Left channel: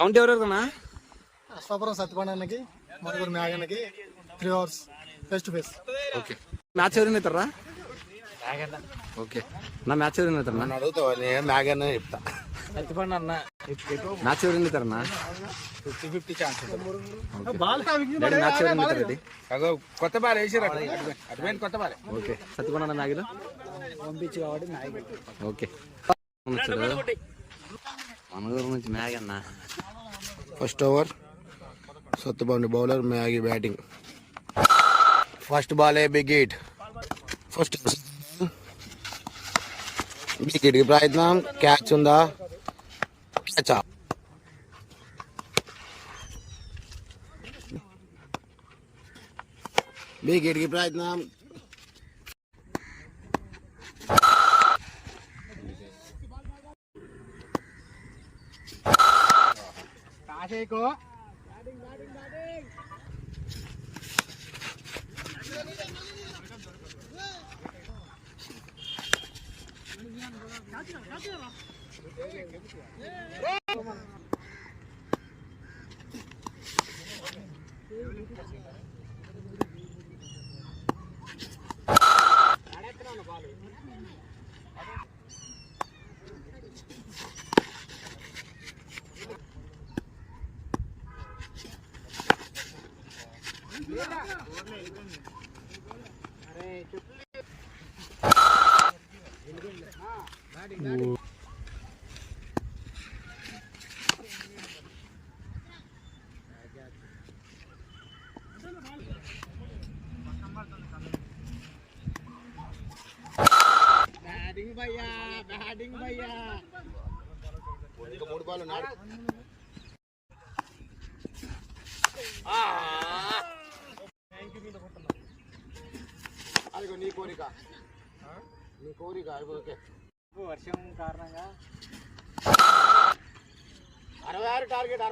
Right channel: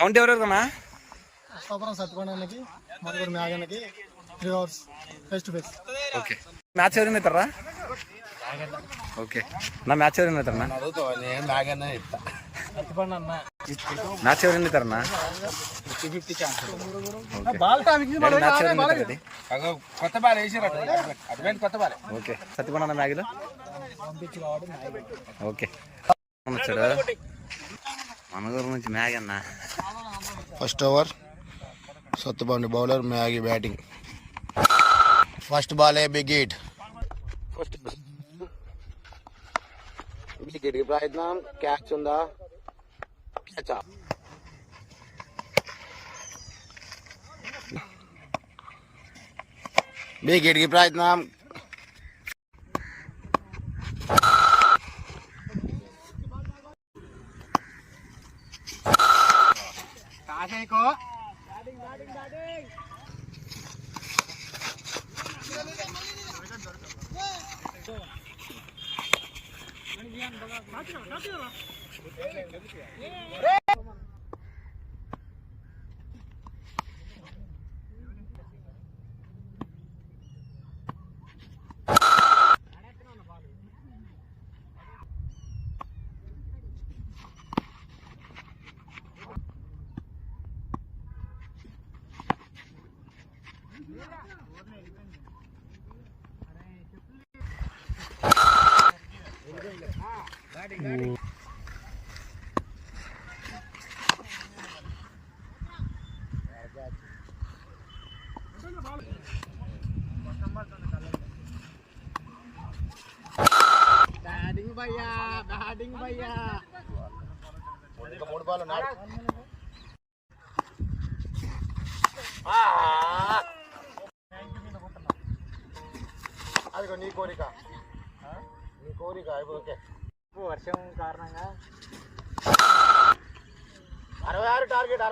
Count ఎవరెవరికన్నా? అష్టాపురం సత్యపండకి మరుగుడు మ్యాగన్నకి 3 hours face to face. Okay, match ఎవరైనా అవుతారా? ఓకే నా మ్యాచ్ ఎవరైనా అవుతారన్నా? మ్యాగన్న చెప్తా. సత్యపండ అన్న మ్యాచ్ ఎవరైనా అవుతారన్నా? 50-50 ఛాన్స్. ఓకే మ్యాచ్ ఎవరైనా అవుతారు? కొత్త బాల్ వేసారు అటువంటి కొత్త బాల్. ఓకే సత్యపండ మ్యాగ్లో పంపించి కాబట్టి ఓకే వచ్చాడు మనగూరు నుంచి మ్యాగ్ అన్న. ఫస్ట్ ఓవర్ సత్తుబండి బౌలర్, మ్యాగీ batting. First ball big hit. First big hit కి ప్రయత్నం. క్యాచ్ ఉందా? క్యాచ్. బిగ్ హిట్ కి ప్రయత్నం. బ్యాటింగ్ భయ్యా, బ్యాటింగ్ భయ్యా. 3 బాల్ ఉన్నాడు. అదిగో నీ కోరిక, నీ కోరిక. ఓకే, వర్షం కారణంగా 66 టార్గెట్.